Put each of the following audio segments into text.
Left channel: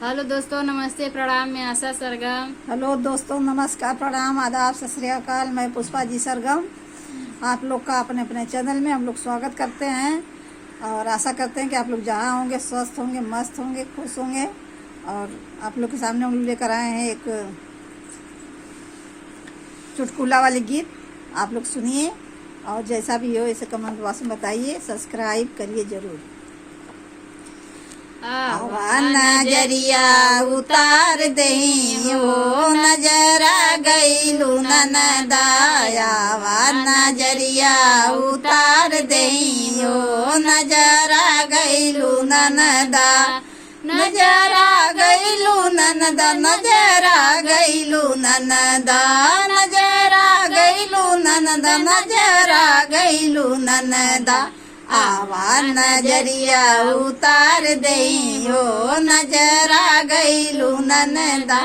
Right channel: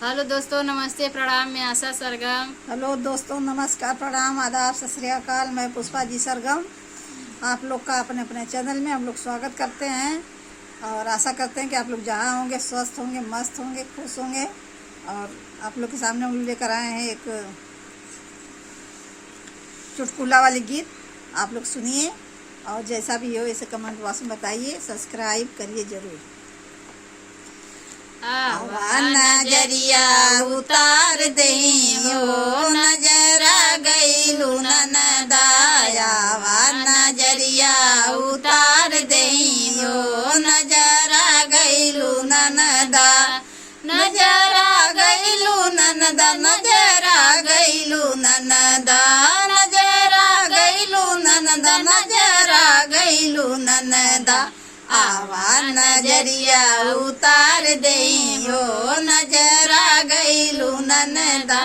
Hello दोस्तों, नमस्ते, प्रणाम। मैं आशा सरगम। हेलो दोस्तों, नमस्कार, प्रणाम, आदाब, सत श्री अकाल। मैं पुष्पा जी सरगम आप लोग का अपने अपने चैनल में हम लोग स्वागत करते हैं और आशा करते हैं कि आप लोग जहाँ होंगे स्वस्थ होंगे, मस्त होंगे, खुश होंगे। और आप लोग के सामने हम लोग लेकर आए हैं एक चुटकुला वाले गीत। आप लोग सुनिए और जैसा भी हो इसे कमेंट बॉक्स में बताइए, सब्सक्राइब करिए जरूर। आवा नजरिया उतार दही ओ नजरा गईलू ननदाया, आवा नजरिया उतार दही ओ नजरा गईलू ननदा, नजरा गईलू ननदा, नजरा गईलू ननदा, नजरा गईलू ननदा, नजरा गईलू ननदा। आवा नजरिया उतार दई हो नजरा गईलू ननदा,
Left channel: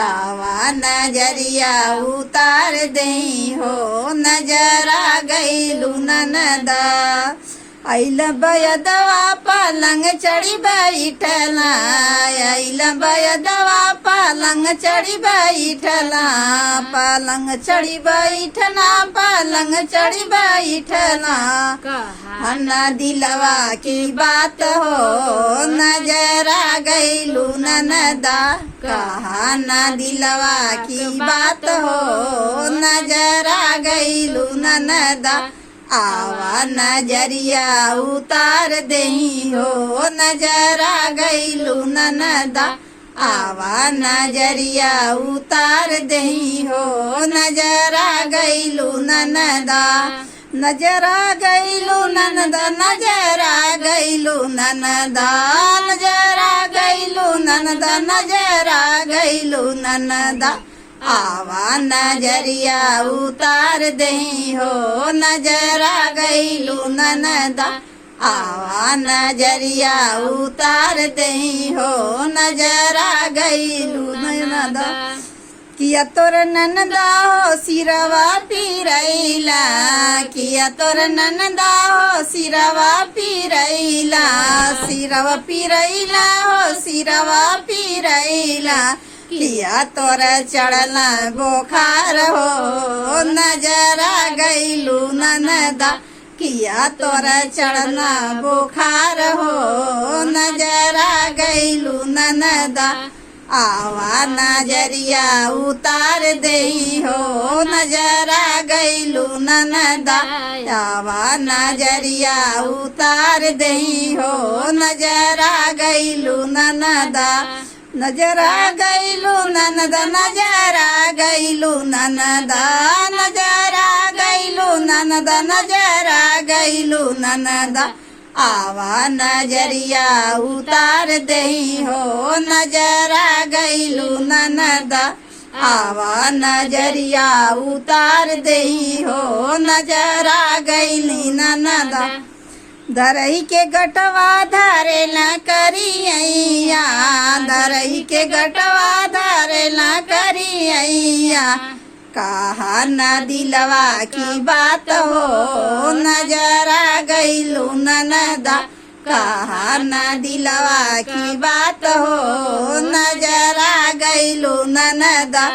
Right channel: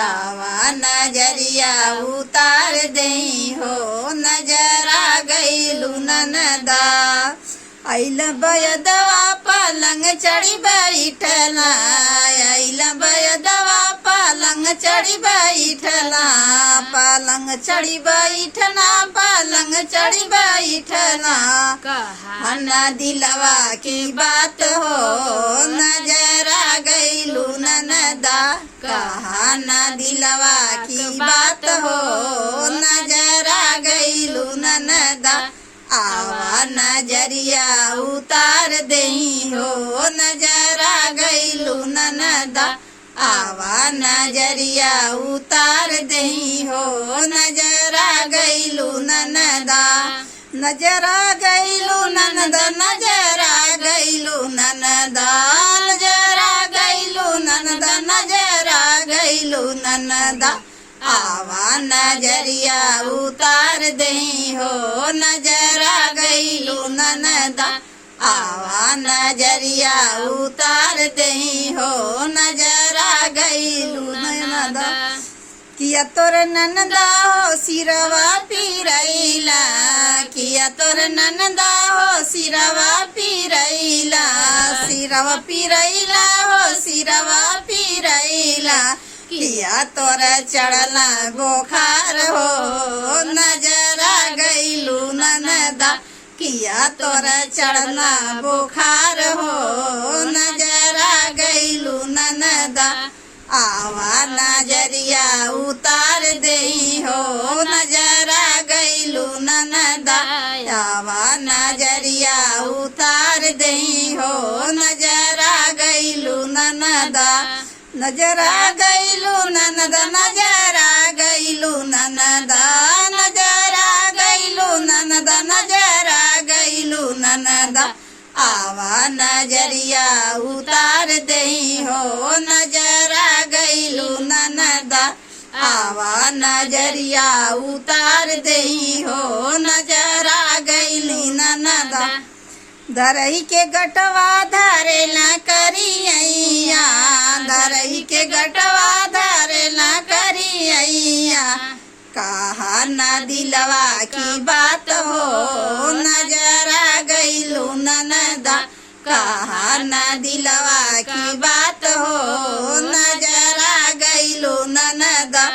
आवा नजरिया उतार दई हो नजरा गईलू ननदा। अइल बयदवा पलंग चढ़ी बैठला, अइल बयदवा पलंग चढ़ी बैठला, पलंग चढ़ी बैठला, पलंग चढ़ी बैठला। अन्ना दिलवा की बात हो नजरा गईलू ननदा, कहा न दिलवा की बात हो नजरा गईलू ननदा। आवा नजरिया उतार दही हो नजरा गईलू ननदा, आवा नजरिया उतार दही हो नजरा गईलू ननदा। नजरा गईलू ननदा, नजरा गईलू ननदा, नजरा गईलू ननदा, नजरा गईलू ननदा। आवा नजरिया उतार दही हो नजरा गईलू ननदा, आवा नजरिया उतार दही हो नजरा गईलू ननदा। किया तोर ननदा हो सिरवा पीरैला, किया तोर ननदा हो सिरवा पीरैला, सिरवा पीरैला हो सिरवा पीरैला। किया तोर चढ़ला बोखार हो नजरा गईलू ननदा, किया तोर चढ़ला बोखार हो नजरा गईलू ननदा। आवा नजरिया उतार दही हो नजरा गईलू ननदा, आवा नजरिया उतार दही हो नजरा गईलू ननदा। नजरा गईलू ननदा, नजरा गईलू ननदा, नजरा गईलू ननदा, नजरा गईलू ननदा। आवा नजरिया उतार दही हो नजरा गईलू ननदा, आवा नजरिया उतार दही हो नजरा गईली ननदा। धरही के गटवा धरे न करिया, धरही के गटवा धरे न करिया। कहा न दिलवा की बात हो नजरा गईलू ननदा, कहा न दिलवा की बात हो नजरा गईलू ननदा।